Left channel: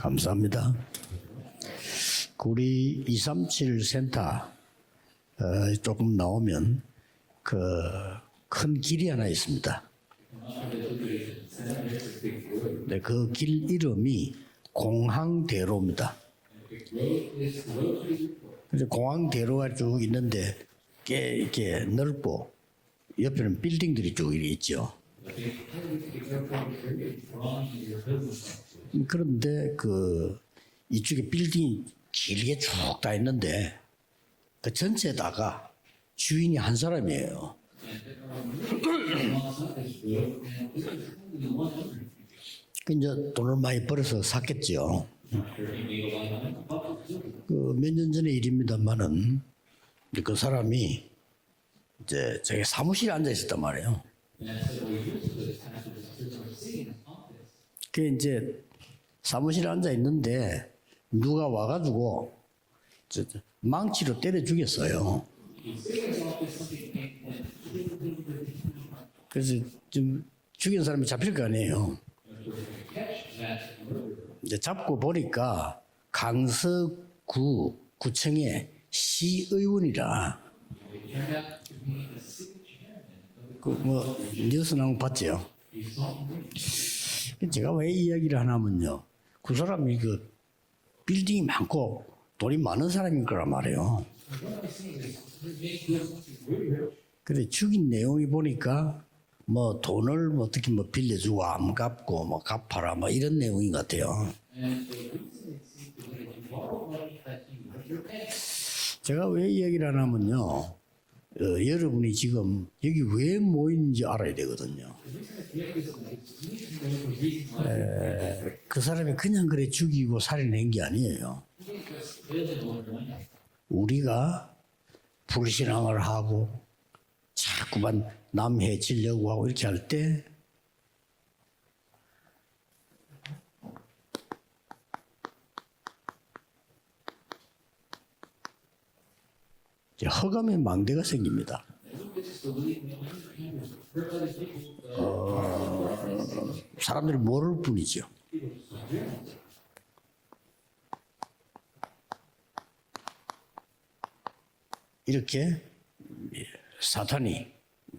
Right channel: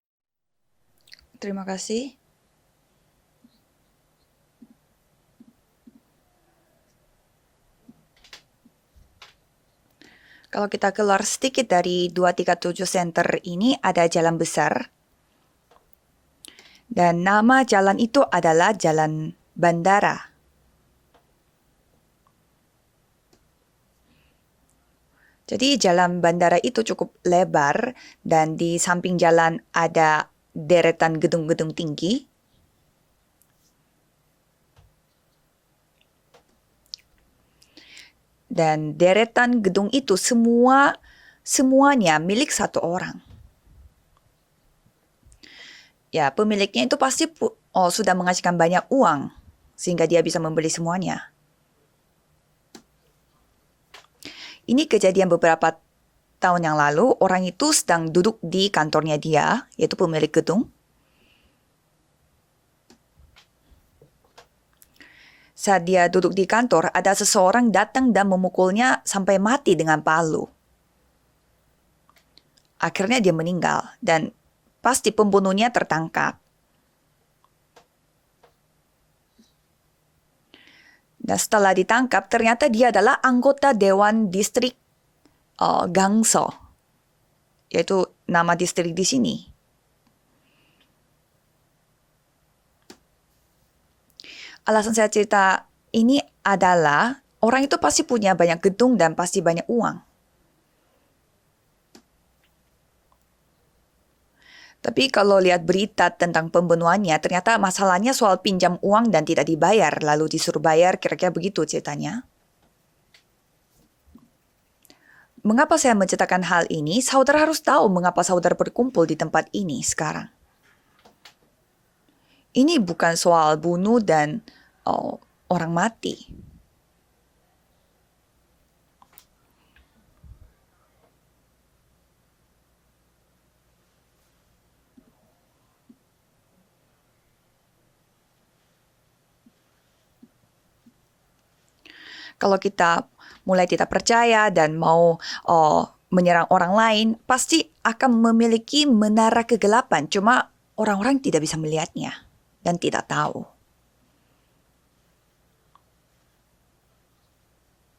감사합니다. Terima kasih. 우리 237 센터 조금 나오면 그 큰 길이 하나 있습니다. Kalau kita keluar sedikit dari 237 Center ini ada jalan besar 공항대로입니다. dan nama jalan itu adalah Jalan 공항대로가 쭉 Bandara. 있는데 꽤 이렇게 넓고 옆에는 빌딩들이 쭉 있죠. Jadi jalan bandara itu cukup lebar dan di samping jalan ada deretan gedung-gedung tinggi. 길게 쭉 다 있는데 그 전체다가 주인이 한 사람이에요. Dan deretan gedung itu semuanya milik satu orang. 근데 돈을 많이 벌어서 샀겠죠. Ya, pemiliknya itu pasti sudah menghasilkan banyak uang sehingga dia bisa membeli semuanya. 이제 저기 사무실에 앉아 있었단 말이에요. Ini kejadian beberapa tahun yang lalu. Orang itu sedang duduk di kantornya dia, yaitu pemilik gedung. 누가 와가지고 망치로 때려 죽였어요. Saat dia duduk di kantor, ada seseorang datang dan memukulnya sampai mati dengan palu. 죽인 사람이 잡힐 거 아니에요. Akhirnya dia meninggal dan 이제 잡고 pasti 보니까 pembunuhnya tertangkap. 구청의 시의원이라. Dan setelah ditangkap, ternyata dia adalah anggota Dewan Distrik 뉴스 나온 거 봤죠? Gangso, 제가 yaitu 왜 이야기를 nama 하냐면요. distrik di sini. 그 사람이 그 빌딩이 많고 돈이 많은 사람인 거란 말이에요. Alasan saya cerita ini adalah orang itu pasti punya banyak gedung dan pasti banyak uang. 돈을 어떻게 빌려주고 안 갚고 갚아라 이런 내용인 것 같아요. Tapi kalau lihat berita tentang pembunuhannya, ternyata masalahnya soal pinjam uang dan tidak dibayar, lalu disuruh bayar, kira-kira begitu ceritanya. 지금 여기 왜 모이는지 알아야 되거든요. Mengapa saya menceritakan hal ini? Saudara harus tahu mengapa saudara berkumpul di tempat ini sekarang. 살인한 게 아니에요. Ini bukan soal bunuh dan orang 불신앙을 mati. 하고 자꾸만 남 해치려고 하고 이렇게 할 때 허감의 망대가 생깁니다. Kalau kita mulai tidak percaya dan mau menyerang orang lain, pasti akan memiliki menara kegelapan. Cuma orang-orang tidak bisa melihatnya dan tidak tahu. 이렇게 사탄이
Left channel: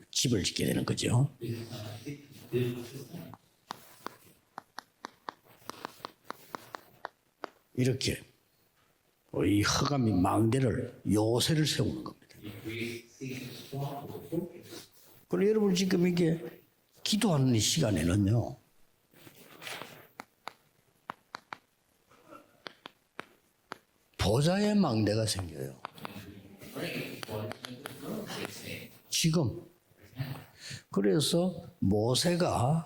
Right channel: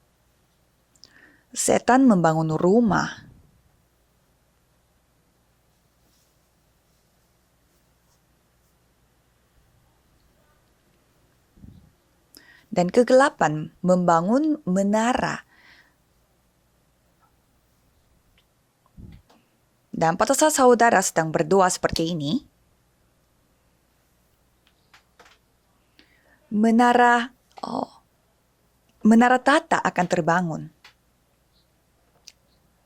집을 짓게 되는 거죠. Setan membangun rumah. 이렇게 이 허감이 망대를 요새를 세우는 겁니다. Dan kegelapan membangun menara. 여러분 지금 이게 기도하는 이 시간에는요. Dan pada saat saudara sedang berdoa seperti ini, 보좌의 망대가 생겨요. menara tata akan terbangun. 그래서 모세가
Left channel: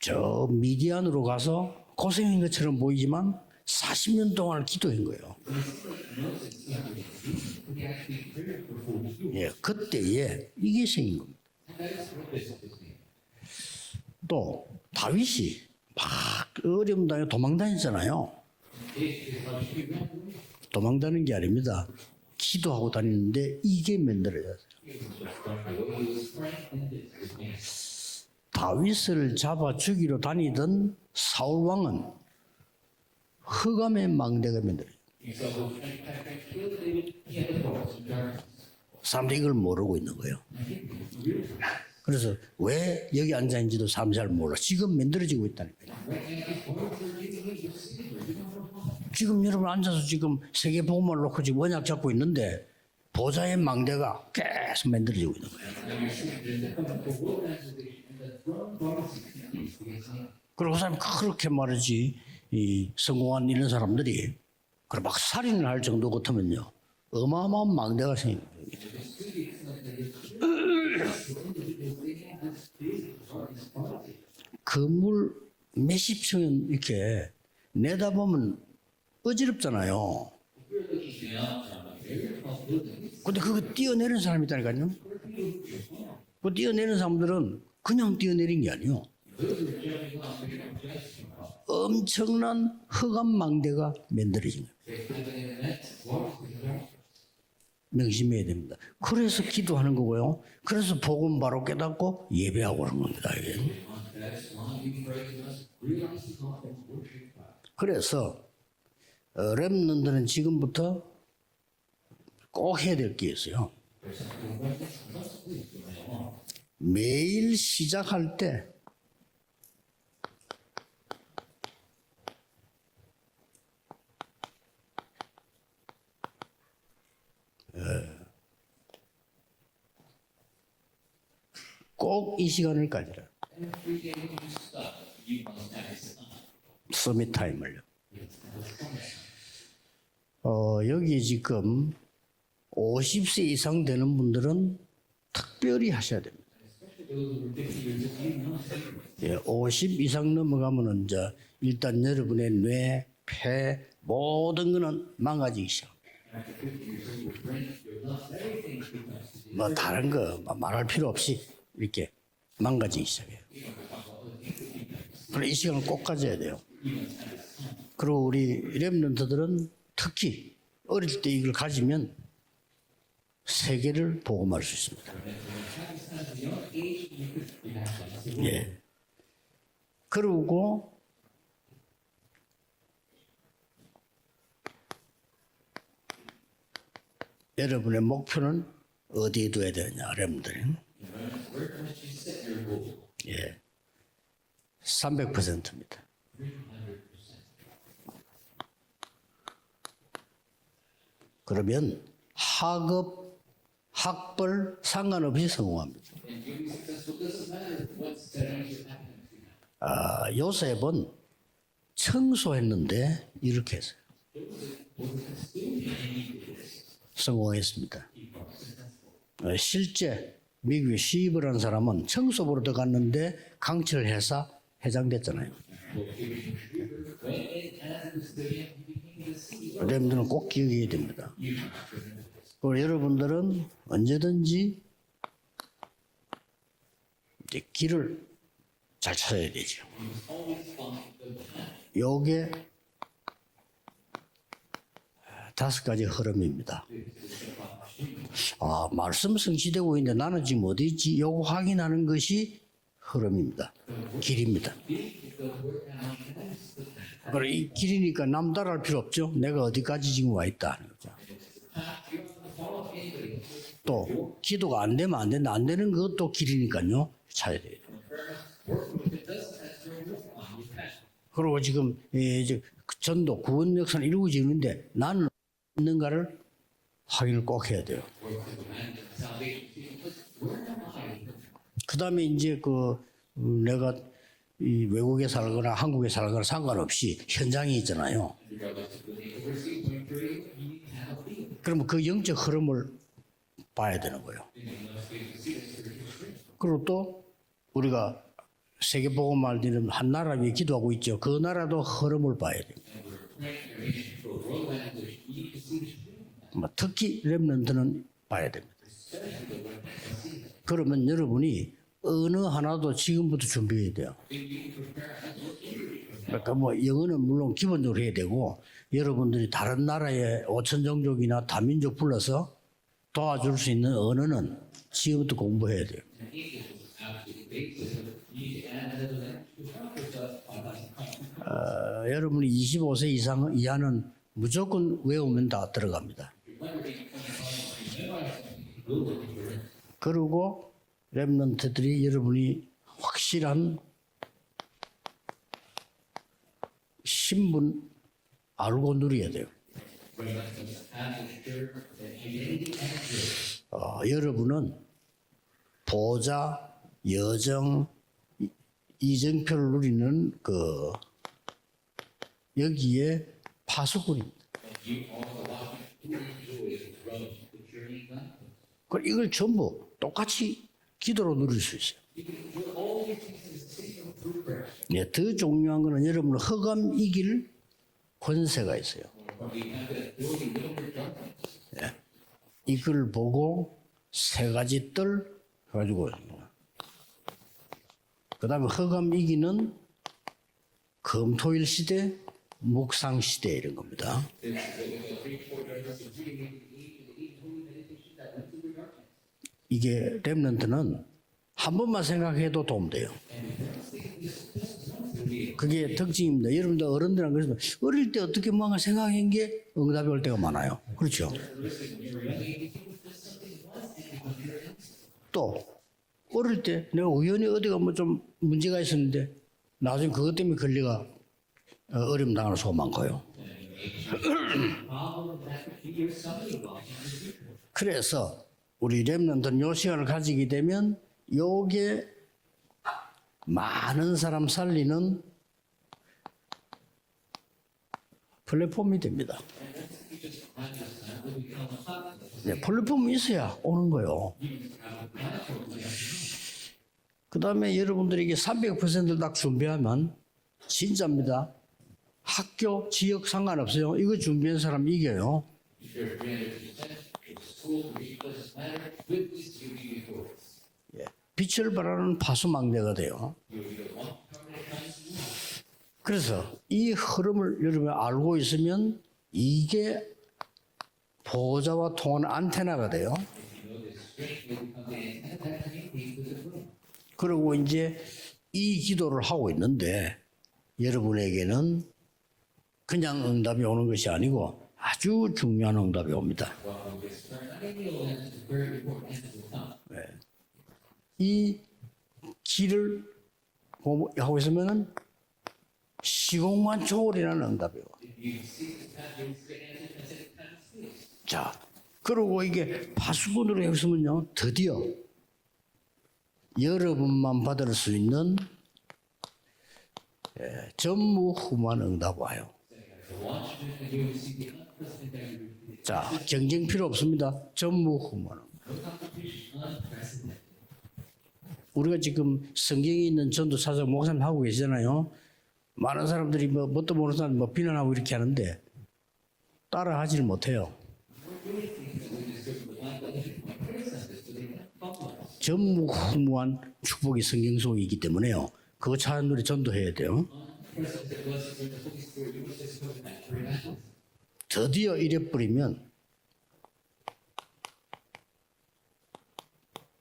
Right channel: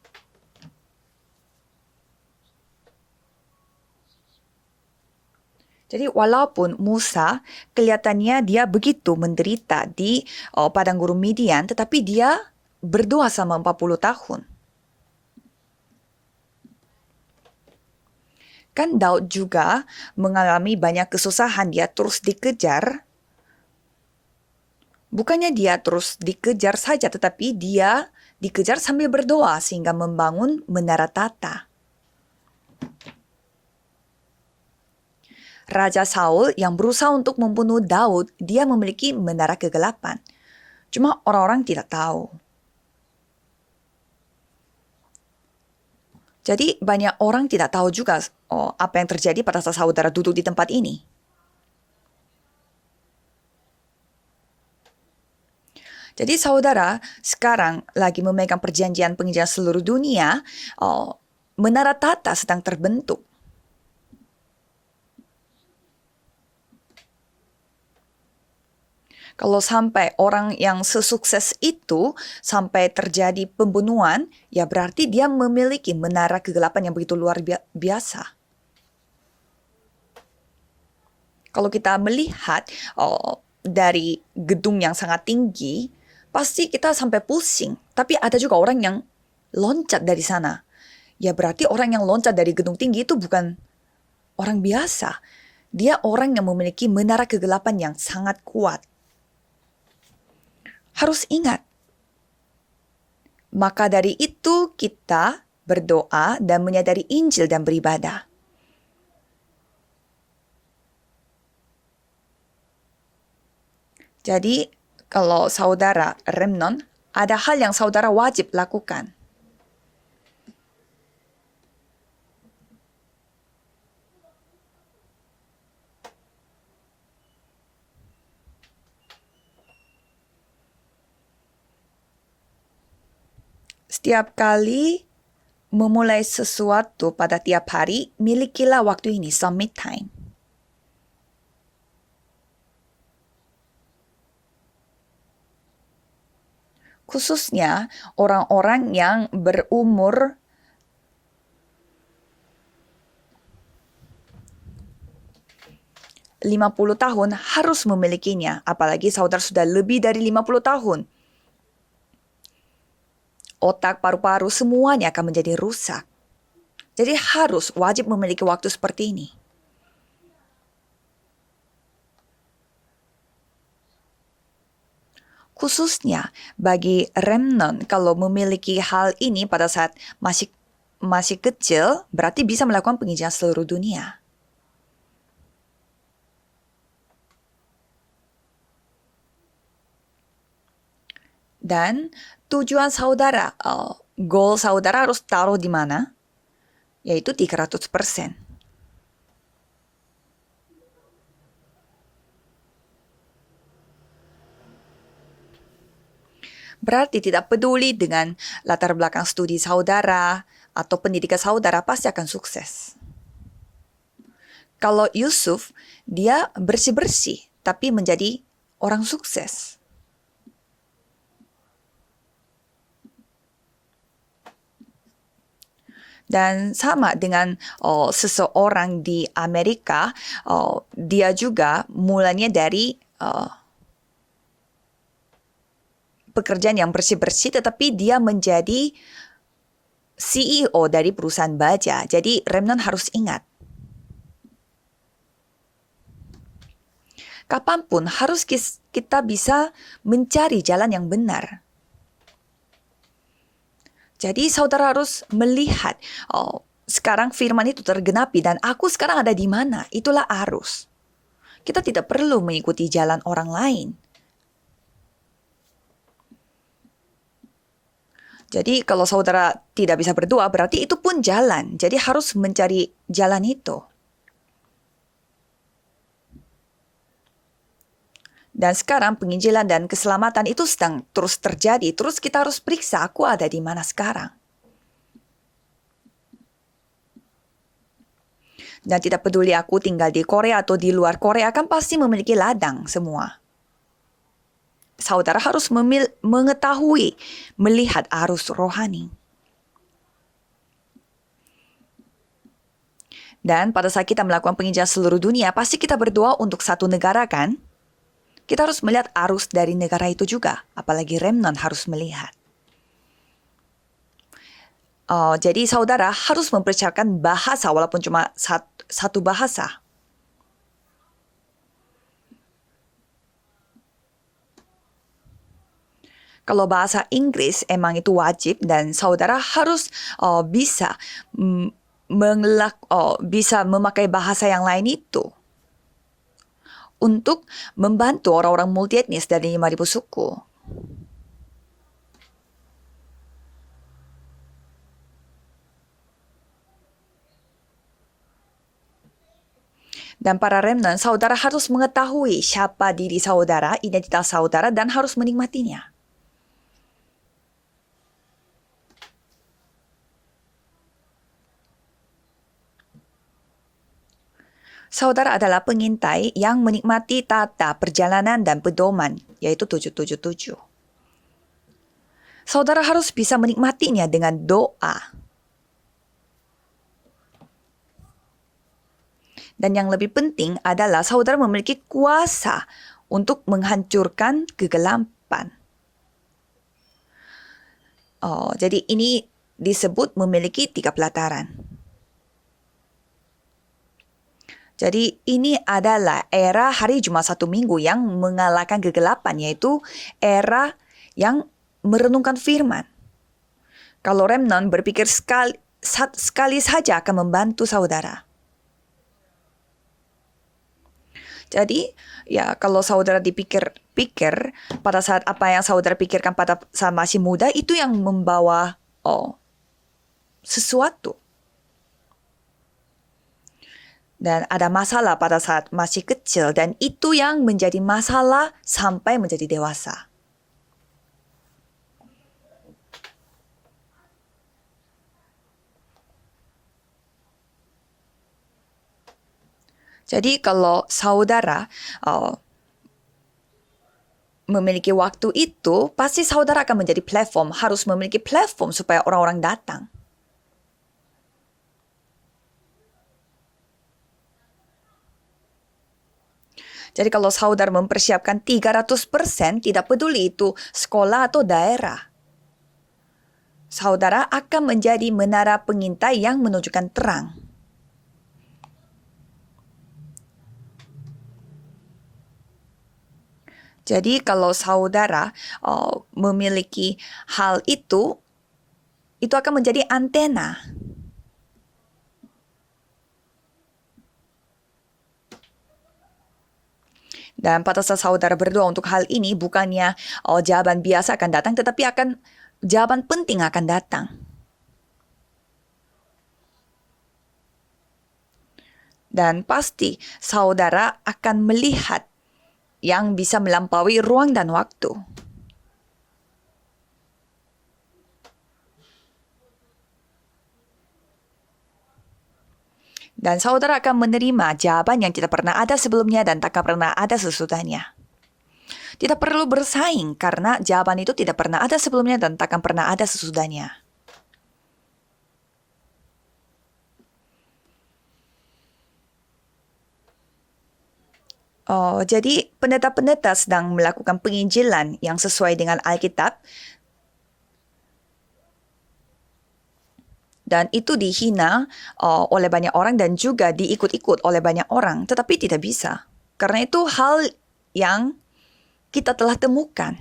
저 미디안으로 가서 고생한 것처럼 보이지만 40년 동안 기도한 거예요. Jadi walaupun Musa kelihatannya dia begitu menderita di padang gurun Midian, tetapi dia berdoa selama 40 tahun. 또 다윗이 막 어려움 당해 도망다녔잖아요. Kan Daud juga mengalami banyak kesusahan, dia terus dikejar. 다녔는데 이게 만들어졌어요. Bukannya dia terus dikejar saja, tetapi dia dikejar sambil berdoa sehingga membangun menara tata. 사울왕은 흑암의 망대가 만들어요. Raja Saul yang berusaha untuk membunuh Daud, dia memiliki menara kegelapan. Cuma orang-orang tidak tahu. 그래서 왜 여기 앉아 있는지도 사람 잘 몰라. 지금 만들어지고 있다는 거예요. Jadi banyak orang tidak tahu juga apa yang terjadi pada saat saudara duduk di tempat ini. 몸을 놓고 지금 원약 잡고 있는데 보좌의 망대가 계속 만들어지고 있는 거예요. Jadi saudara sekarang lagi memegang perjanjian penginjilan seluruh dunia. Menara tata sedang terbentuk. 성공한 이런 사람들이 그럼 막 살인을 할 정도 같으면요. 어마어마한 망대가 생겨요. Kalau sampai orang yang sesukses itu sampai terjadi pembunuhan, ya berarti dia memiliki menara kegelapan yang begitu luar biasa. 내다보면 어지럽잖아요. Kalau kita melihat dari gedung yang sangat tinggi, pasti kita sampai pusing. Tapi ada juga orang yang loncat dari sana. Ya berarti orang yang loncat dari gedung tinggi itu bukan orang biasa. Dia orang yang memiliki menara kegelapan yang sangat kuat. 그래서 기도하는 거고요. 그래서 Harus 복음 ingat. 바로 깨닫고 예배하고 그런 겁니다. 이게. Maka dari itu kita berdoa dan menyadari Injil dan beribadah. 그래서 렘넌트는 지금부터 꼭 해야 될 게 있어요. Jadi kalau saudara remnon, ada hal yang saudara wajib lakukan. 꼭 이 시간을 가지라. Setiap kali memulai sesuatu pada tiap hari, milikilah waktu ini, summit time. 여기 지금 50세 이상 되는 분들은 특별히 하셔야 됩니다. Khususnya orang-orang yang 50 berumur 이상 넘어가면은 이제 일단 여러분의 뇌, 폐 모든 거는 망가지기 시작. 50 tahun harus memilikinya, apalagi saudara sudah lebih dari 50 tahun. 필요 없이 이렇게 망가지기 시작해요. Otak, paru-paru, semuanya akan menjadi 이 시간 rusak. 꼭 가져야 돼요. Jadi harus wajib 그리고 memiliki 우리 waktu seperti ini. 렘넌트들은 특히 어릴 때 이걸 가지면 세계를 복음할 수 있습니다. Khususnya bagi remnant, kalau memiliki hal ini pada saat 그리고 masih kecil, berarti bisa melakukan penginjilan seluruh dunia. 여러분의 목표는 어디에 둬야 되느냐, 렘들. Dan tujuan saudara, goal saudara harus 300%. taruh di mana? Yaitu 300%. 그러면 학업, 학벌 상관없이 성공합니다. Berarti tidak peduli dengan latar belakang studi saudara 요셉은 atau pendidikan saudara, pasti akan sukses. 성소했는데 이렇게 했어요. Kalau Yusuf, dia bersih-bersih, 성공했습니다. tapi menjadi orang sukses. 실제 미국에 시입을 한 사람은 청소부로 들어갔는데 강철 회사 회장 됐잖아요. Dan sama dengan seseorang di Amerika, dia juga mulanya dari 여러분들은 언제든지 pekerjaan yang bersih-bersih, tetapi dia menjadi 잘 찾아야 되죠. CEO dari perusahaan baja. Jadi remnant harus ingat, 5가지 흐름입니다. kapanpun harus kita 말씀 bisa 성취되고 있는데 mencari 나는 지금 jalan yang 어디인지 benar. 이거 확인하는 것이 흐름입니다. Jadi saudara harus melihat, sekarang firman itu tergenapi dan aku sekarang ada di mana. Itulah arus. Kita tidak perlu mengikuti jalan orang lain. 또 기도가 안 되면 안 된다. 안 되는 것도 길이니까요. 찾아야 돼요. Jadi kalau saudara tidak bisa berdoa, berarti itu pun jalan. Jadi harus mencari jalan itu. 역사는 이루어지는데 나는 있는가를 확인을 꼭 해야 돼요. Dan sekarang penginjilan dan keselamatan itu sedang terus terjadi. Terus kita harus periksa, aku ada di mana sekarang. 이 외국에 살거나 한국에 살거나 상관없이 현장이 있잖아요. Dan tidak peduli aku tinggal di Korea atau di luar Korea, kan pasti memiliki ladang semua. 봐야 되는 거예요. Saudara harus mengetahui, melihat arus rohani. 세계복음할 때는 한 나라 위해 기도하고 있죠. 그 나라도 흐름을 봐야 돼요. Dan pada saat kita melakukan penginjilan seluruh dunia, pasti kita berdoa untuk satu negara kan? 렘넌트는 봐야 돼요. Kita harus melihat arus dari negara itu juga. Apalagi remnant harus melihat. 언어 하나도 지금부터 준비해야 돼요. Jadi saudara harus mempersiapkan bahasa walaupun cuma satu bahasa. 다른 나라의 5천 종족이나 다민족 불러서 도와줄 수 있는 언어는 지금부터 공부해야 돼요. Kalau bahasa Inggris emang itu wajib dan saudara harus bisa bisa memakai bahasa yang lain itu 외우면 다 들어갑니다. untuk membantu orang-orang multietnis dari 5.000 suku. 그리고 렘넌트들이 여러분이 확실한 신분 알고 누려야 돼요. Dan para remnant, saudara harus mengetahui siapa diri saudara, identitas saudara, dan harus menikmatinya. 보좌, 여정, 이정표를 누리는 그 여기에 파수꾼입니다. Saudara adalah pengintai yang menikmati tata perjalanan dan pedoman, 이걸 yaitu 전부 똑같이 777. 기도로 누릴 수 있어요. Saudara harus bisa menikmatinya dengan doa. 더 중요한 거는 여러분 흑암 이길 권세가 있어요. Dan yang lebih penting adalah saudara memiliki kuasa 이걸 untuk 보고 menghancurkan 세 가지 kegelapan. 뜰 가지고 Jadi ini disebut memiliki 3 pelataran. 금토일 시대, 묵상 시대 이런 겁니다. Jadi ini adalah era hari Jumat 1 minggu yang mengalahkan kegelapan, yaitu 이게 era 렘넌트는 yang 한 번만 merenungkan 생각해도 firman. 안 돼요. Kalau remnant berpikir sekali saja akan membantu saudara. 어릴 때 어떻게 뭔가 생각한 게 응답이 올 때가 많아요. 그렇죠? Jadi, ya kalau saudara dipikir-pikir pada saat apa yang saudara pikirkan pada saat masih muda itu yang membawa 나중에 그것 때문에 sesuatu. 어려움 당하는 수가 많고요. Dan ada masalah pada saat masih kecil dan itu yang menjadi masalah sampai menjadi dewasa. 시간을 가지게 되면 요게 많은 사람 살리는 플랫폼이 됩니다. Jadi kalau saudara 플랫폼이 있어야 오는 거요. memiliki waktu itu, pasti saudara akan menjadi platform, harus memiliki platform supaya orang-orang datang. 진짜입니다. 학교, 지역 상관없어요. 이거 준비한 사람 이겨요. Jadi kalau saudara mempersiapkan 300%, tidak peduli itu sekolah atau daerah, 파수망대가 돼요. saudara akan menjadi menara pengintai yang menunjukkan 이 terang. 흐름을 여러분이 알고 있으면 이게 보호자와 통하는 안테나가 돼요. Jadi kalau saudara memiliki hal itu 이 기도를 akan 하고 menjadi 있는데 antena. 여러분에게는 그냥 응답이 오는 것이 아니고 아주 중요한 응답이 옵니다. Dan pada saat saudara berdoa untuk hal ini, bukannya jawaban biasa akan datang, tetapi akan jawaban penting akan datang. 하고 있으면은 시공만 초월이라는 응답이요. Dan pasti saudara akan melihat 그리고 이게 yang bisa melampaui ruang dan waktu. 여러분만 받을 수 있는 전무후무한 응답 와요. Dan saudara akan menerima jawaban yang tidak pernah ada sebelumnya dan takkan pernah ada sesudahnya. Tidak perlu bersaing karena jawaban itu tidak pernah ada sebelumnya dan takkan pernah ada sesudahnya. 목사님 하고 계시잖아요. 많은 사람들이 뭣도 모르는 사람 비난하고 이렇게 하는데 따라하지를 못해요. Jadi pendeta-pendeta sedang melakukan penginjilan yang sesuai dengan Alkitab 축복이 성경 속에 있기 때문에요. 그거 사람들이 전도해야 돼요. dan itu dihina oleh banyak orang dan juga diikut-ikut oleh banyak orang, tetapi tidak bisa. Karena itu hal yang kita telah temukan.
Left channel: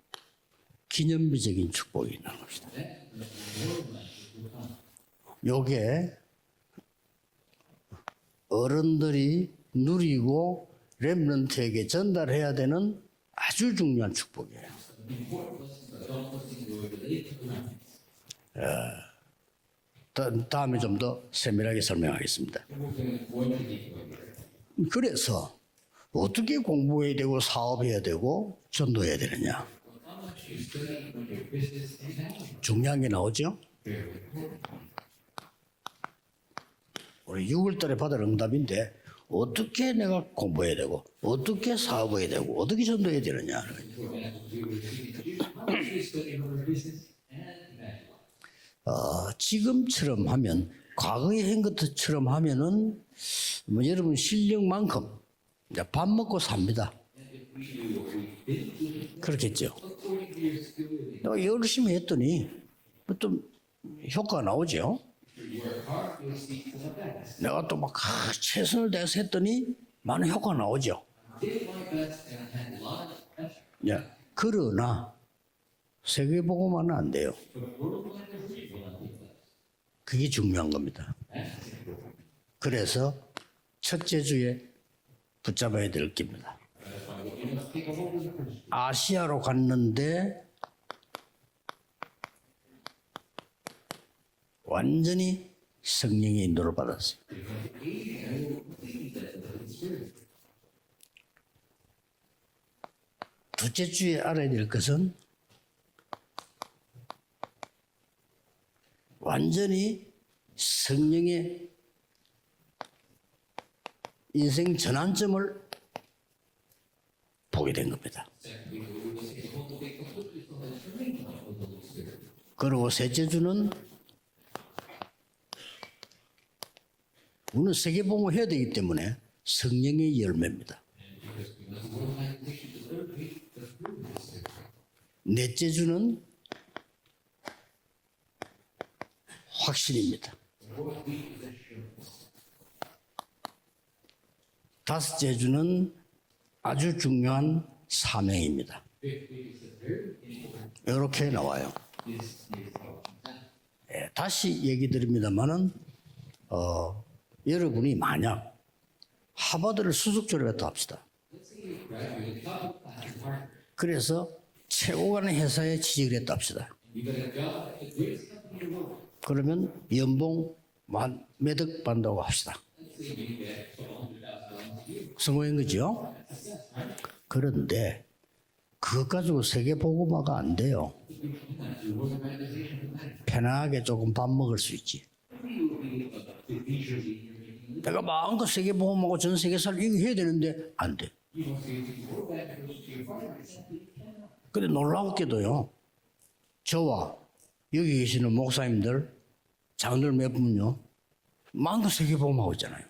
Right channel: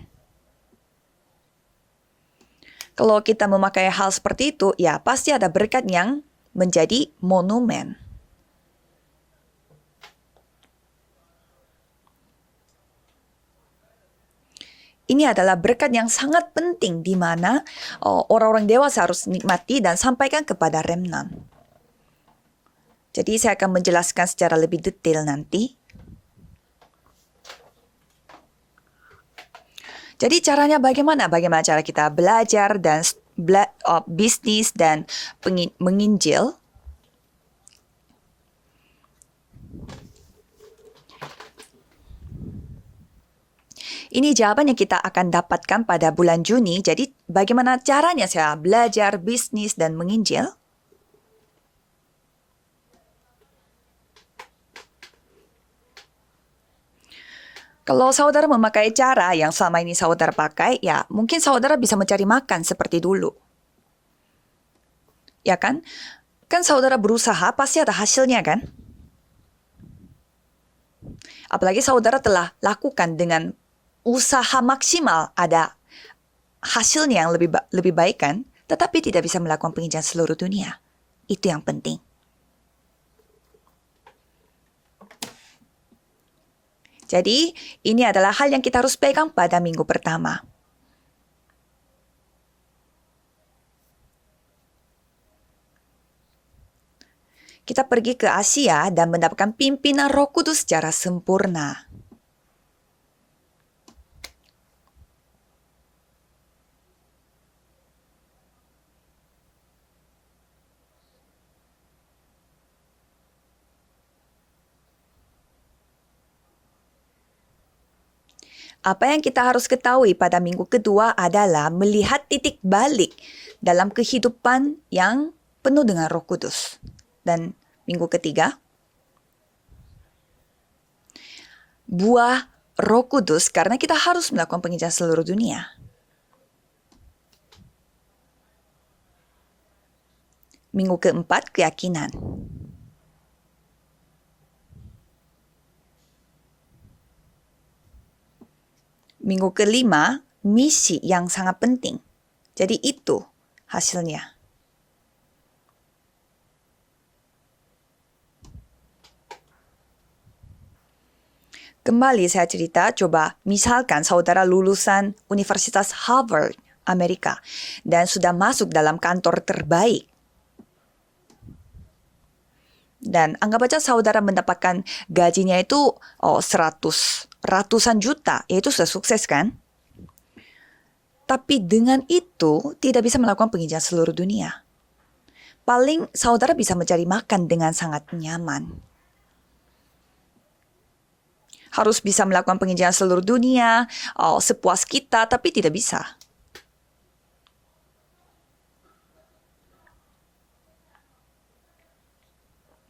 기념비적인 축복이 있는 것이다. Kalau kita memakai hal seperti itu, ya pasti ada berkat yang menjadi monumen. 어른들이 누리고 렘넌트에게 전달해야 되는 아주 중요한 축복이에요. Ini adalah berkat yang sangat penting di mana orang-orang dewasa harus nikmati dan sampaikan kepada remnant. 세밀하게 설명하겠습니다. Jadi saya akan menjelaskan secara lebih detail nanti. 어떻게 공부해야 되고 사업해야 되고 전도해야 되느냐? Jadi caranya bagaimana? Bagaimana cara kita belajar dan bisnis dan menginjil? 우리 6월달에 받을 응답인데 어떻게 내가 공부해야 되고 어떻게 사업해야 되고 어떻게 전도해야 되느냐? Ini jawaban yang kita akan dapatkan pada bulan Juni. Jadi bagaimana caranya saya belajar bisnis dan menginjil? 과거에 한 것처럼 하면은 여러분 실력만큼 이제 밥 먹고 삽니다. Kalau saudara memakai cara yang selama ini saudara pakai, ya mungkin saudara bisa mencari makan seperti dulu. 효과가 나오죠. Ya kan? Kan saudara berusaha, pasti ada hasilnya kan? 최선을 다해서 했더니 많은 효과가 나오죠. Apalagi saudara telah lakukan dengan usaha maksimal, ada hasilnya yang lebih baik kan? Tetapi tidak bisa melakukan penginjilan seluruh dunia. Itu yang penting. 그래서 첫째 주에 붙잡아야 될 겁니다. Jadi ini adalah hal yang kita harus pegang pada minggu pertama. 완전히 성령의 인도를 받았어요. Kita pergi ke Asia dan mendapatkan pimpinan Roh Kudus secara sempurna. 둘째 주에 알아야 될 것은 완전히 성령의 인생 전환점을 보게 된 겁니다. Apa yang kita harus ketahui pada minggu kedua adalah melihat titik balik dalam kehidupan yang penuh dengan Roh Kudus. Dan minggu ketiga, 성령의 열매입니다. buah Roh Kudus karena kita harus melakukan penginjilan seluruh dunia. 넷째 주는 확신입니다. Minggu keempat, keyakinan. 다섯째 주는 아주 중요한 사명입니다. Minggu kelima, misi yang sangat penting. Jadi itu hasilnya. 다시 얘기 드립니다만은 여러분이 만약 하버드를 수석 졸업했다 합시다. Kembali saya cerita, coba misalkan saudara lulusan Universitas Harvard, Amerika, dan sudah masuk dalam kantor terbaik. 연봉 몇억 받는다고 합시다. Dan anggap aja saudara mendapatkan gajinya itu 100, ratusan juta, yaitu sudah sukses kan? 세계 보고마가 안 돼요. Tapi dengan itu tidak bisa melakukan penginjalan seluruh dunia. 먹을 수 있지. Paling saudara bisa mencari makan dengan sangat 마음껏 nyaman. 세계 보고마고 전 세계사를 이거 해야 되는데 안 돼. Harus bisa melakukan penginjalan seluruh dunia, sepuas kita, tapi tidak bisa. 저와 여기 계시는 목사님들, 장들 몇 분요, 마음껏 세계 보고마고 있잖아요.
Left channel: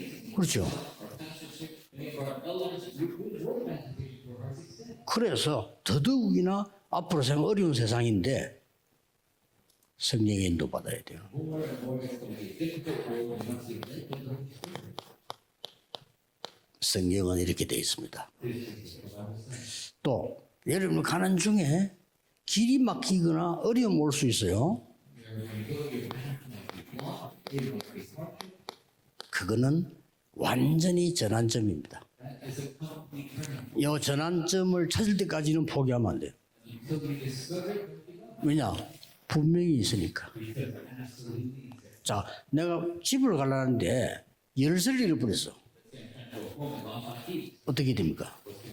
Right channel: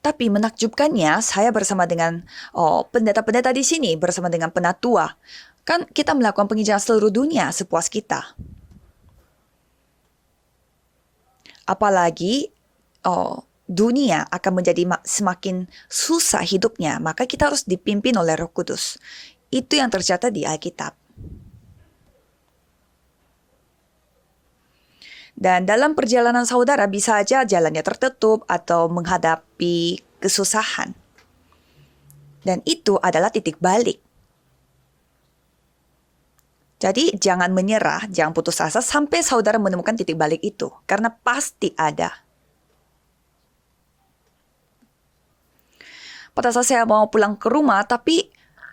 Tapi menakjubkannya, saya bersama dengan pendeta-pendeta di sini, bersama dengan penatua. 그래서 Kan kita melakukan penginjalan seluruh dunia sepuas kita. 성령의 인도 받아야 돼요. Apalagi dunia akan menjadi semakin susah hidupnya, maka kita harus dipimpin oleh Roh Kudus. Itu yang tercatat di Alkitab. 여러분 가는 중에 길이 막히거나 어려움 올 수 있어요. Dan dalam perjalanan saudara bisa aja jalannya tertutup atau menghadapi kesusahan. 완전히 전환점입니다. Dan itu adalah titik 이 balik. 전환점을 찾을 때까지는 포기하면 안 돼요. Jadi jangan menyerah, jangan putus asa sampai saudara menemukan titik balik itu. Karena pasti ada. 자, 내가 집을 가려는데 열쇠를 잃어버렸어. Pada saat saya mau pulang ke rumah, tapi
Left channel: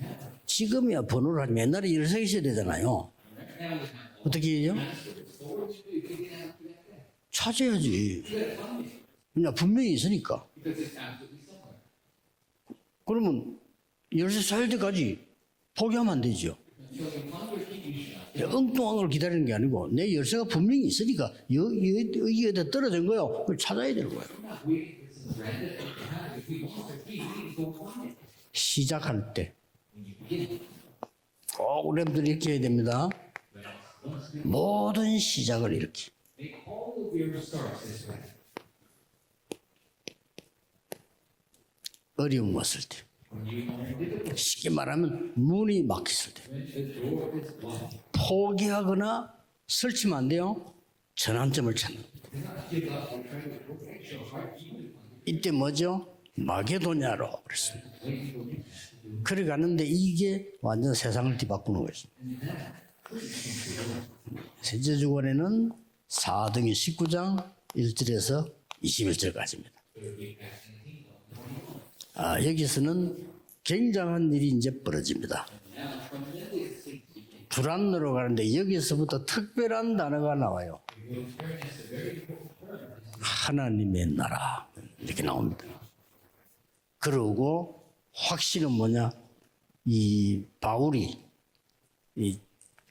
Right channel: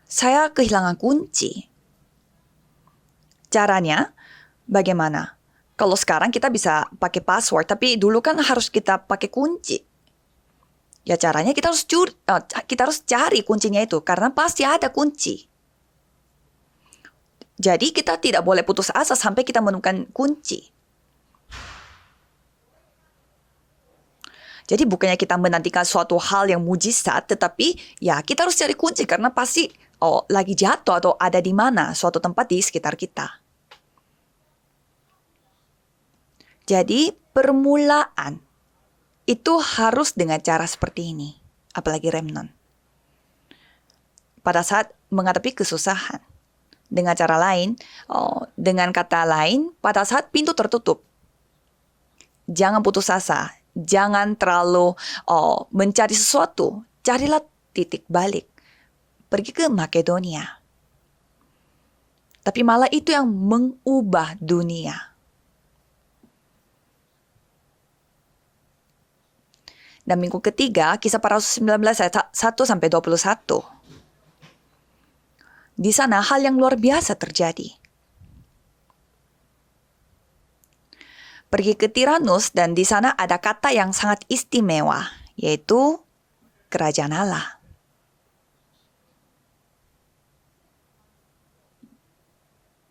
saya kehilangan 번호를 kunci. 옛날에 열쇠가 있어야 되잖아요. Caranya 어떻게 해요? bagaimana? Kalau sekarang kita bisa pakai password, tapi dulu kan harus kita pakai kunci. 분명히 있으니까. Ya caranya kita harus cari kuncinya itu karena pasti ada kunci. 포기하면 안 되죠. Jadi kita tidak boleh putus asa sampai kita menemukan 내 열쇠가 kunci. 분명히 있으니까 여기에다 떨어진 거요. 그걸 찾아야 되는 거야. Jadi bukannya kita menantikan suatu hal yang mujizat, tetapi ya kita harus cari kunci karena pasti lagi jatuh atau ada di mana suatu tempat di sekitar kita. 모든 시작을 이렇게. Jadi permulaan itu harus dengan cara seperti ini. Apalagi remnant. 어려움 왔을 때. Pada saat menghadapi kesusahan. Dengan cara lain, dengan kata lain, pada saat pintu tertutup, 전환점을 찾는. jangan putus asa, jangan terlalu mencari sesuatu, carilah titik balik. Pergi ke Makedonia. 완전 세상을 뒤바꾸는 거지. Tapi malah itu yang mengubah dunia. 제주권에는 4등이 19장 1절에서 21절까지입니다. Dan minggu ketiga, kisah para rasul 19 ayat 1 sampai 21. 굉장한 일이 이제 벌어집니다. Di sana hal yang luar biasa terjadi. 두란노로 가는데 여기서부터 특별한 단어가 나와요. Pergi ke Tiranus dan di sana ada kata yang sangat istimewa, yaitu kerajaan Allah. 그리고 확신은 뭐냐? 이 바울이 이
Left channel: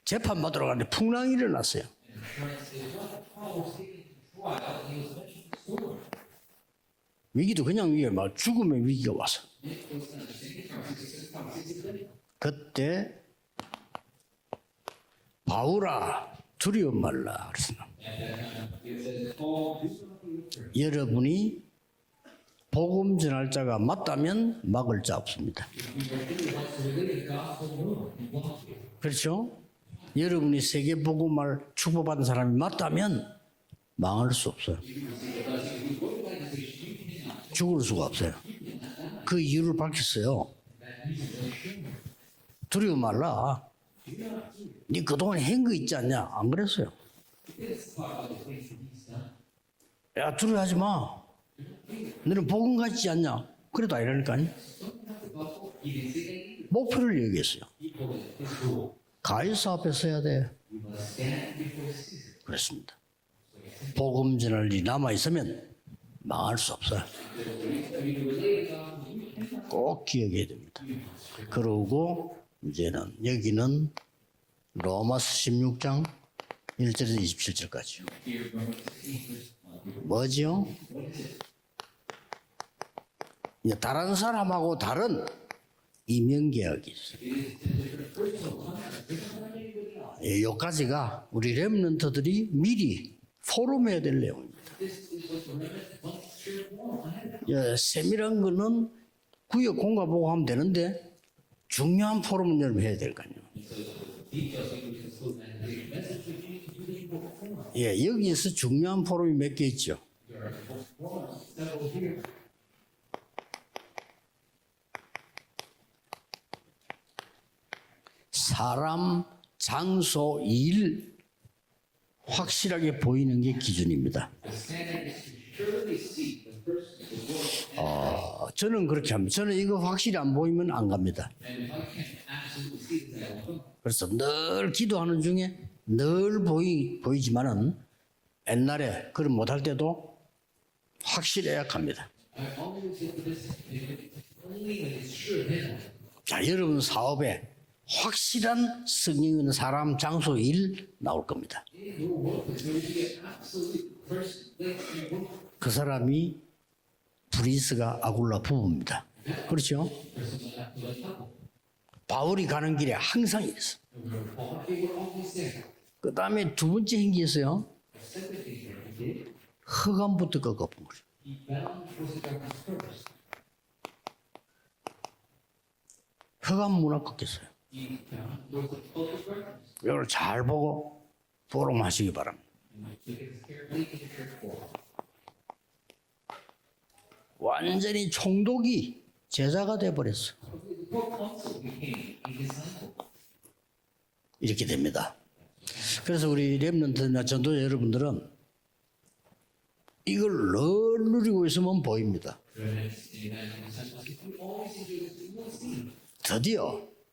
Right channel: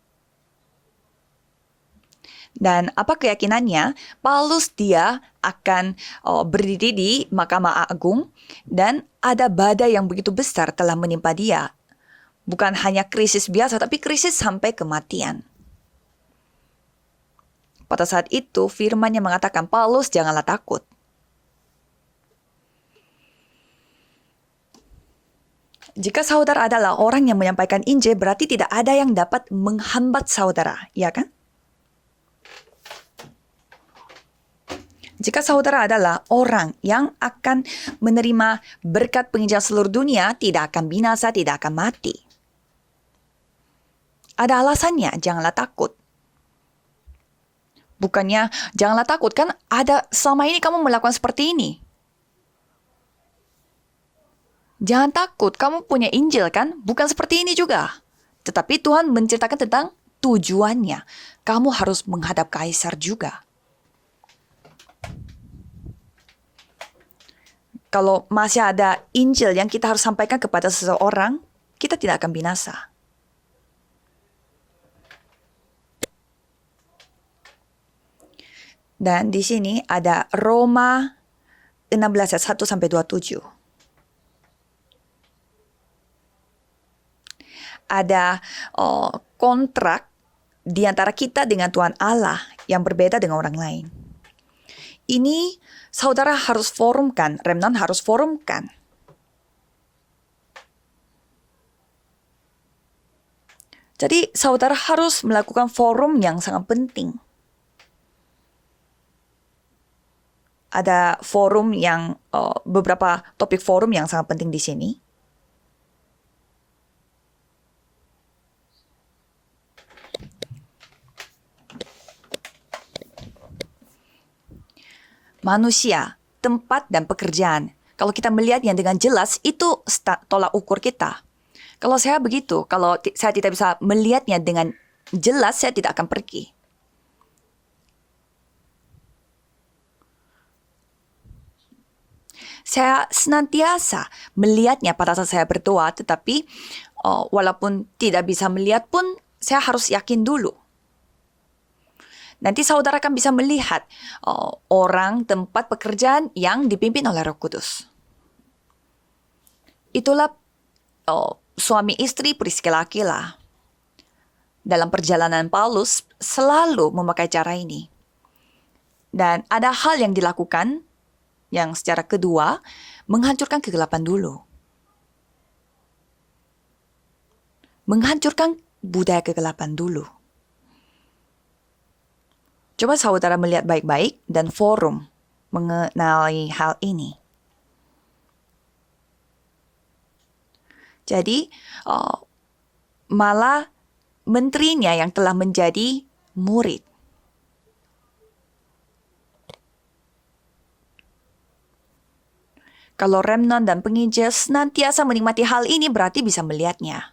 재판 받으러 가는데 풍랑이 일어났어요. Dan apa keyakinannya? Paulus dia akan berdiri di Mahkamah Agung dan ada badai yang begitu besar telah menimpa dia. Bukan hanya krisis biasa, tapi krisis sampai kematian. 바울아 두려워 말라 그랬습니다. Pada saat itu firman-Nya mengatakan, Paulus janganlah takut. 여러분이 복음 전할 자가 맞다면 막을 자 없습니다. Jika saudara adalah orang yang menyampaikan Injil, berarti tidak ada yang dapat menghambat saudara, 세계 ya kan? 복음을 축복받은 사람이 맞다면 망할 수 없어. Jika saudara adalah orang yang akan menerima berkat penginjilan seluruh dunia, tidak akan binasa, tidak akan mati. 두려워 말라. Ada alasannya, 그동안 janganlah 행거 takut. 있지 않냐? 안 그랬어요. Bukannya janganlah takut, kan ada selama ini kamu melakukan seperti ini. 너는 복음 같지 않냐? 그래도 아니라니까. Jangan takut, kamu punya Injil kan? Bukan seperti ini juga. Tetapi Tuhan menceritakan tentang tujuannya. Kamu harus menghadap kaisar juga. 복음 전할 일이 남아 있으면 망할 수 없어. Kalau masih ada Injil yang kita harus sampaikan kepada seseorang, kita tidak akan binasa. 여기는 로마서 16장 1절에서 27절까지. Dan di sini ada Roma 16 ayat 1 sampai 27. 다른 사람하고 다른 이명계약이 있어. Ada kontrak di antara kita dengan Tuhan Allah yang berbeda dengan orang lain. 포럼해야 될 내용. Ini saudara harus forumkan, remnant harus forumkan. 구역 공가 보고 하면 되는데 중요한 포럼을 해야 될 거 아니에요. Jadi saudara harus melakukan forum yang sangat penting. 예, 여기에서 중요한 포럼이 몇 개 있죠. Ada forum yang beberapa topik forum yang sangat penting di sini. 사람, 장소, 일 확실하게 보이는 게 기준입니다. Manusia, tempat dan pekerjaan. Kalau kita melihatnya dengan jelas, itu tolak ukur kita. Kalau saya begitu, kalau saya tidak bisa melihatnya dengan jelas, saya tidak akan pergi. 보이지만은 옛날에 그걸 못할 때도 확실해야 합니다. Saya senantiasa melihatnya pada saat saya berdoa, tetapi walaupun tidak bisa melihat pun, saya harus yakin dulu. 나올 겁니다. Nanti saudara akan bisa melihat orang, tempat pekerjaan yang dipimpin oleh Roh Kudus. 브리스가 아굴라 부부입니다. 그렇죠? Itulah suami istri Priscilla Aquila. 항상 이랬어. Dalam perjalanan Paulus selalu memakai cara ini. Dan ada hal yang dilakukan yang secara kedua menghancurkan kegelapan dulu. 흑암 문화 꺾였어요. Menghancurkan budaya kegelapan dulu. 이걸 잘 보고 포럼하시기 바랍니다. Coba saudara melihat baik-baik dan forum mengenai hal ini. 완전히 총독이 제자가 돼 버렸어. Jadi malah menterinya yang telah menjadi 그래서 우리 murid. 렘넌트나 전도자 여러분들은 이걸 늘 누리고 있으면 보입니다. Kalau remnant dan penginjil senantiasa menikmati hal ini berarti bisa melihatnya.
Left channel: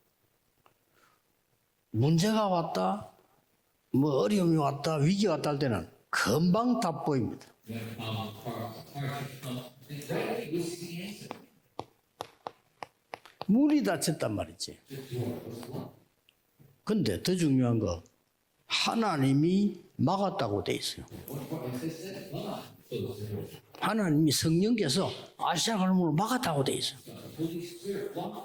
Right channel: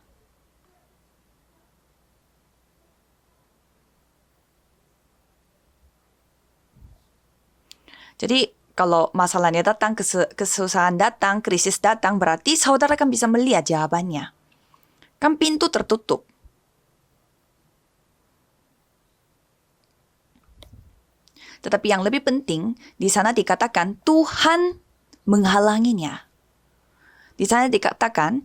문제가 왔다, 뭐 어려움이 왔다, 위기가 왔다 할 때는 금방 답 보입니다. Jadi kalau masalahnya datang, kesusahan datang, krisis datang, berarti saudara kan bisa melihat 문이 jawabannya. 닫혔단 말이지. Kan pintu tertutup. 근데 더 중요한 거 하나님이 막았다고 돼 있어요. Tetapi yang lebih penting, di sana dikatakan 하나님이 Tuhan 성령께서 menghalanginya. 막았다고 돼 있어요. Di sana dikatakan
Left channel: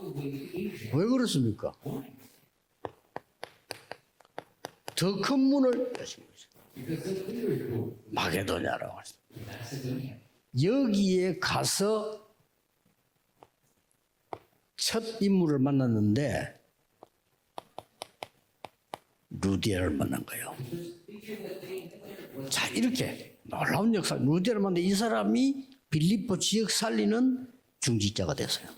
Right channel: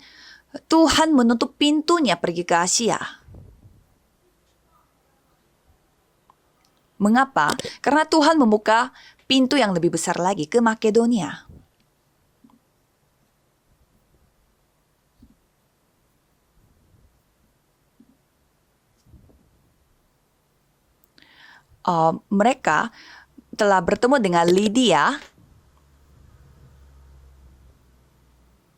Tuhan menutup pintunya pergi ke Asia. 더 큰 문을 여신 거죠. Mengapa? Karena Tuhan membuka pintu yang lebih besar lagi ke Makedonia. 여기에 가서 첫 인물을 만났는데 루디아를 만난 거예요. Mereka 이렇게 telah bertemu dengan 이 Lydia 사람이 빌립보 지역 살리는 중직자가 됐어요.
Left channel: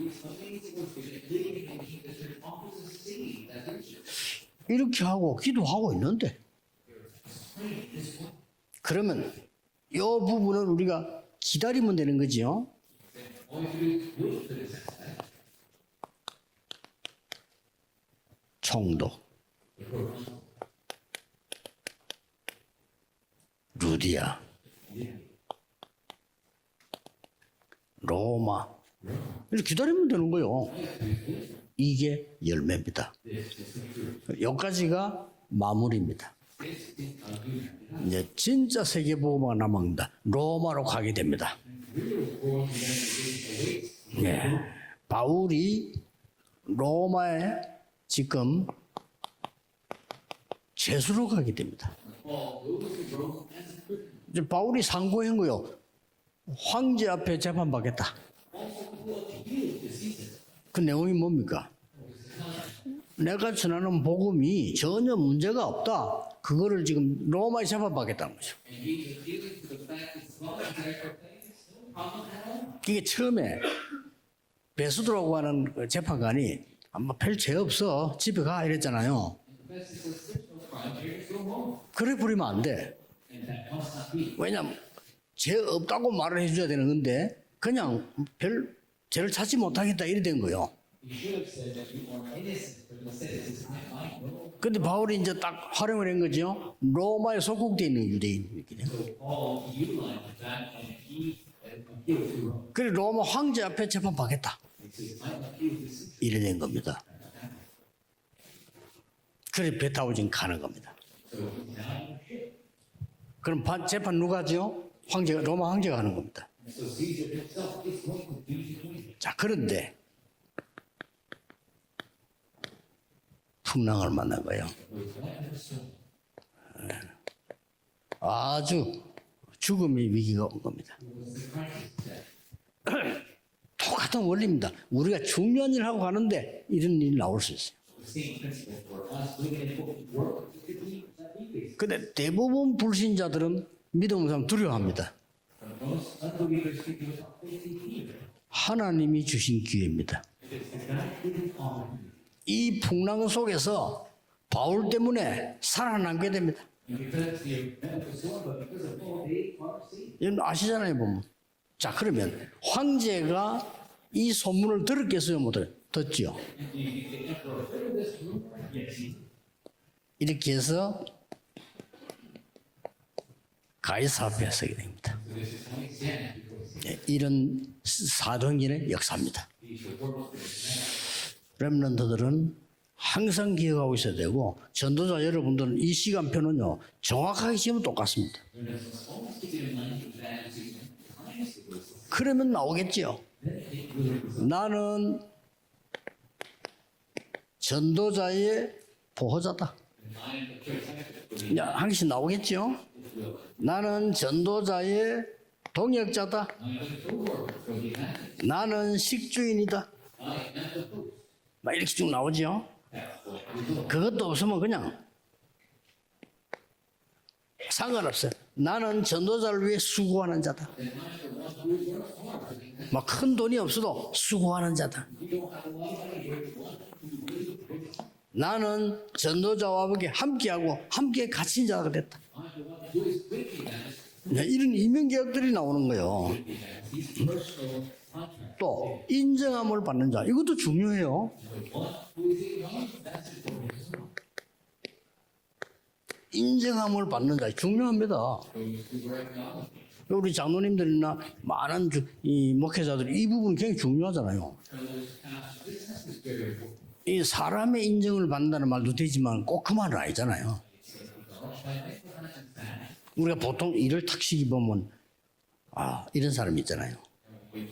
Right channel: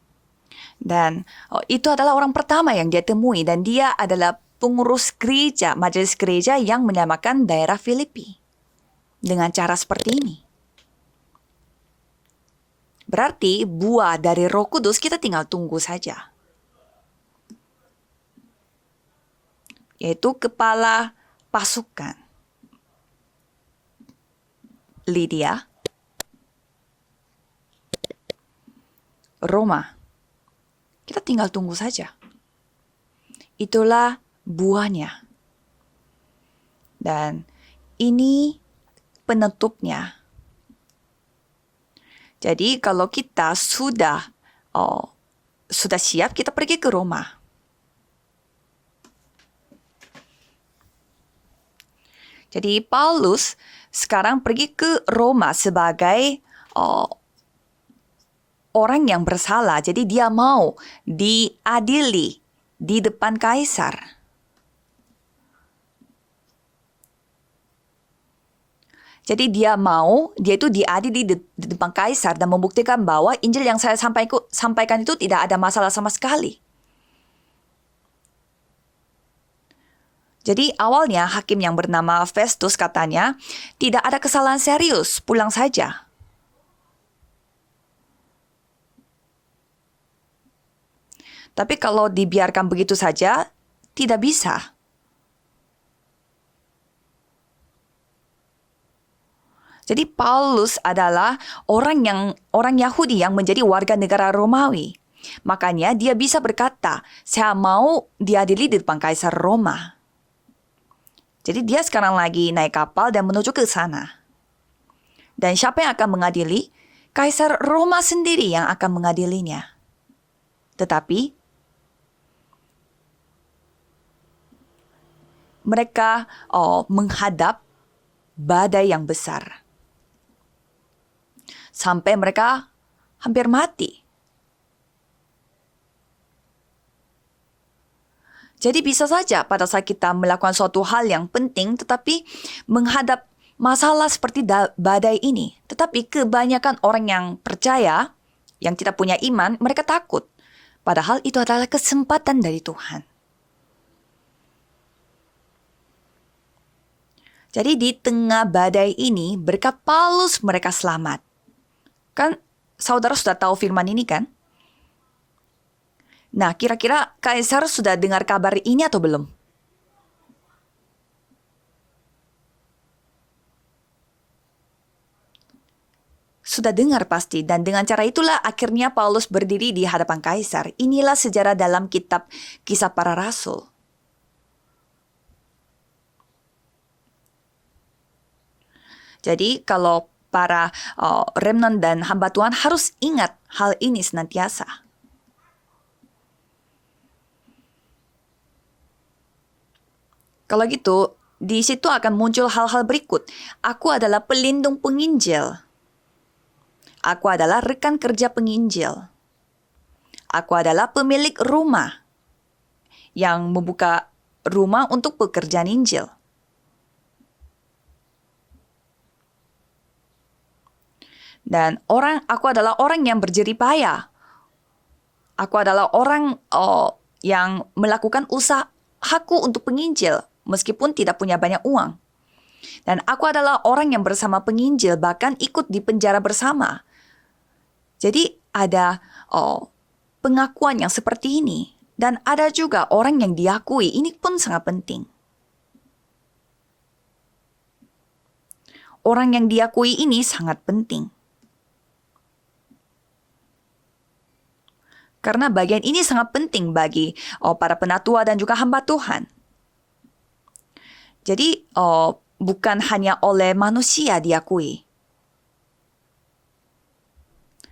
dan itu adalah orang pertama yang dia temui dan dia adalah pengurus gereja, majelis gereja yang menyamakan daerah Filipi. 그러면 Dengan cara seperti 이 ini. 부분은 우리가 기다리면 되는 거지요. Berarti buah dari Roh Kudus kita tinggal tunggu saja. 총독 Yaitu kepala pasukan 루디아, Lydia, 로마 Roma. 기다리면 되는 거요. Kita tinggal tunggu saja. 이게 열매입니다. Itulah 여기까지가 buahnya. 마무리입니다. Dan 이제 ini 진짜 세계보고가 penutupnya. 남았다. 로마로 가게 됩니다. jadi kalau kita sudah 바울이 sudah siap, kita pergi ke Roma. 로마에 지금 제수로 가게 됩니다. Jadi Paulus sekarang pergi ke Roma sebagai 황제 앞에 재판받겠다. orang yang bersalah. Jadi dia mau diadili di depan 내가 kaisar. 전하는 복음이 전혀 문제가 없다. 그거를 지금 로마에 재판받겠다는 거죠. Jadi dia itu diadili di depan kaisar dan membuktikan bahwa Injil yang saya sampaikan itu tidak ada masalah sama sekali. 아마 별 죄 없어. 집에 가 이랬잖아요. Jadi awalnya hakim yang bernama Festus katanya tidak ada kesalahan serius, pulang 죄 saja. 없다고 말을 해줘야 되는 건데 그냥 별 죄를 찾지 못하겠다 이래 된 거요. Tapi kalau dibiarkan begitu saja, tidak bisa. 근데 바울이 이제 딱 활용을 한 거죠. 로마에 속국돼 있는 유대인이거든요. Jadi Paulus adalah orang Yahudi yang menjadi warga negara Romawi. Makanya dia bisa berkata, saya mau diadili di depan Kaisar Roma. 배 타고 지금 가는 겁니다. Jadi dia sekarang lagi naik kapal dan menuju ke sana. 재판 누가 하죠? 황제가. Dan siapa yang akan mengadili? Kaisar Roma sendiri yang akan mengadilinya. 그런데 Tetapi 풍랑을 만난 거예요. mereka menghadap badai yang besar. 죽음의 위기가 온 겁니다. Sampai mereka hampir mati. 똑같은 원리입니다. 우리가 중요한 일 하고 가는데 이런 일이 나올 수 있어요. Jadi bisa saja pada saat kita melakukan suatu hal yang penting tetapi menghadap masalah seperti badai ini. Tetapi kebanyakan orang yang percaya, yang tidak punya iman, mereka takut. Padahal itu adalah kesempatan dari 이 Tuhan. 풍랑 속에서 바울 때문에 살아남게 됩니다. Jadi di tengah badai ini berkat Paulus mereka selamat. 자, 그러면 Kan saudara sudah tahu firman ini kan? 이 소문을 들었겠어요, 못 듣지요? Nah, kira-kira Kaisar sudah dengar kabar ini atau belum? 이렇게 해서 가이사 앞에 서게 됩니다. Sudah dengar pasti, dan dengan cara itulah akhirnya Paulus berdiri di hadapan Kaisar. Inilah sejarah dalam kitab Kisah Para 항상 Rasul. 기억하고 있어야 되고 전도자 여러분들은 이 시간표는요 정확하게 지금 똑같습니다. Jadi kalau para remnant dan hamba Tuhan harus ingat hal ini senantiasa. 나는 전도자의 보호자다. Kalau gitu, di situ akan muncul hal-hal berikut. Aku adalah pelindung penginjil. 동역자다. Aku adalah rekan kerja penginjil. 나는 식주인이다. Aku adalah pemilik rumah 쭉 나오죠. yang membuka rumah untuk pekerjaan Injil. 상관없어요. 나는 전도자를 위해 수고하는 자다. Dan aku adalah orang yang berjerih payah. 수고하는 자다. Aku adalah orang yang melakukan usahaku untuk penginjil meskipun tidak punya banyak uang. Dan aku adalah orang yang bersama penginjil bahkan ikut di penjara bersama. Jadi ada pengakuan yang seperti ini. Dan ada juga orang yang diakui. Ini pun sangat penting. 인정함을 받는 자 중요합니다. Orang yang diakui ini 우리 sangat penting. 장로님들이나 많은 이 목회자들이 이 부분 굉장히 중요하잖아요. Karena bagian ini sangat penting bagi para penatua dan juga hamba Tuhan. 꼭 그만은 아니잖아요. Jadi bukan hanya oleh manusia diakui. 아, 이런 사람이 있잖아요.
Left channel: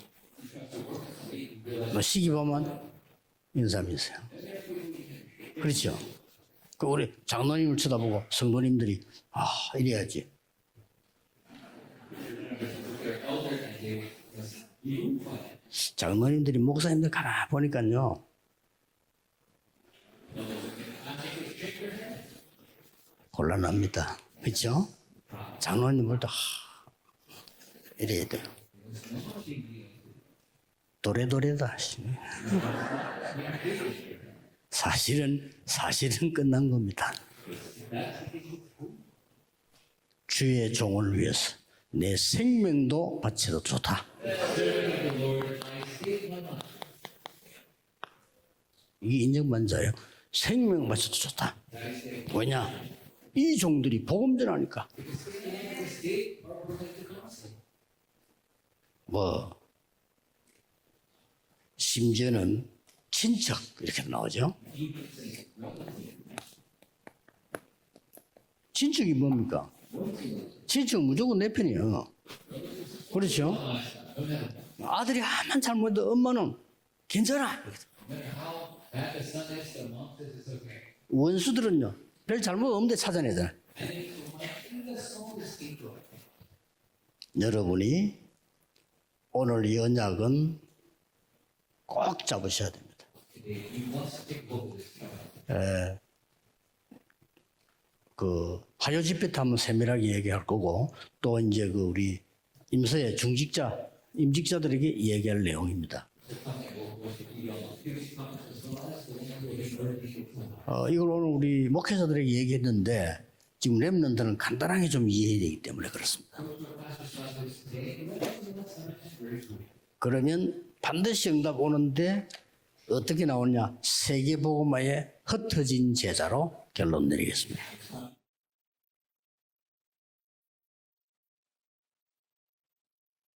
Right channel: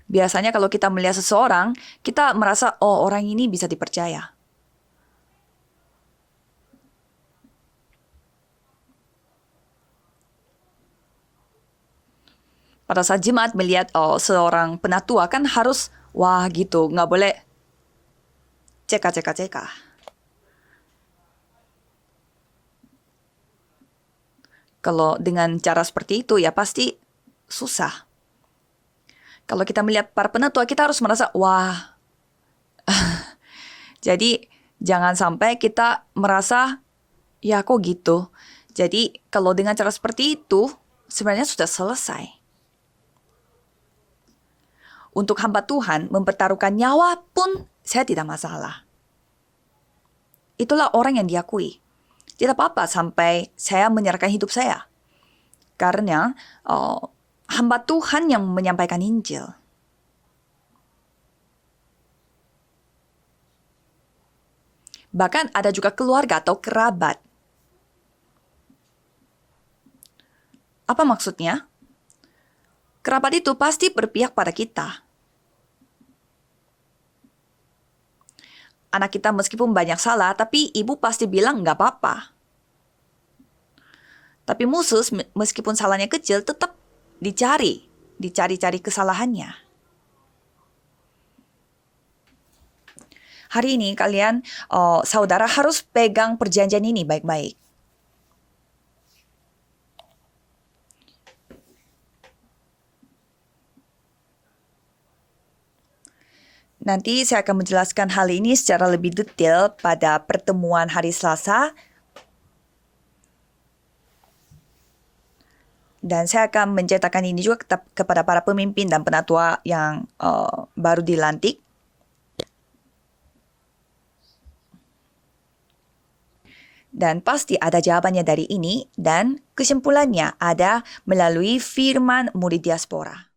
Biasanya kalau kita melihat seseorang, kita merasa orang ini bisa dipercaya. 그렇죠. 그 우리 장로님을 쳐다보고 성도님들이 이래야지. Pada saat jemaat melihat seorang penatua kan harus wah gitu, nggak boleh 보니까요. ceka. 곤란합니다. 그렇죠? Kalau dengan cara seperti itu ya pasti susah. 이래야 돼요. Kalau kita melihat para penatua kita harus merasa wah. Jadi jangan sampai kita merasa ya kok gitu. Jadi kalau dengan cara seperti itu sebenarnya sudah selesai. 생명도 바쳐도 좋다. Untuk hamba Tuhan mempertaruhkan nyawa pun saya tidak masalah. 이 인정받자예요. Itulah orang yang diakui. Tidak apa-apa sampai saya menyerahkan hidup saya. Karena hamba Tuhan yang menyampaikan Injil. 심지어는 친척 이렇게 나오죠. Bahkan ada juga keluarga atau kerabat. 친척이 뭡니까? Apa maksudnya? Kerabat itu pasti berpihak pada kita. 아들이 아만 잘못해도 엄마는 괜찮아. Anak kita meskipun banyak salah, tapi ibu pasti bilang nggak apa-apa. 별 잘못 없는데 찾아내잖아. Tapi musuh meskipun salahnya kecil tetap dicari kesalahannya. 오늘 이 언약은 꼭 잡으셔야 됩니다. Hari ini kalian, saudara harus pegang perjanjian ini baik-baik. 그 화요 집회 때 한번 세밀하게 얘기할 거고 또 이제 그 우리 임서의 임직자들에게 얘기할 내용입니다. Nanti saya akan menjelaskan hal ini secara lebih detail pada pertemuan hari Selasa. 목회자들에게 얘기했는데 지금 렘넌트는 간단하게 좀 이해해야 되기 때문에 그렇습니다. Dan saya akan menceritakan ini juga kepada para pemimpin dan penatua yang baru dilantik. 오는데 어떻게 나오냐? 세계복음화의 흩어진 제자로 결론 Dan 내리겠습니다. pasti ada jawabannya dari ini dan kesimpulannya ada melalui firman murid diaspora.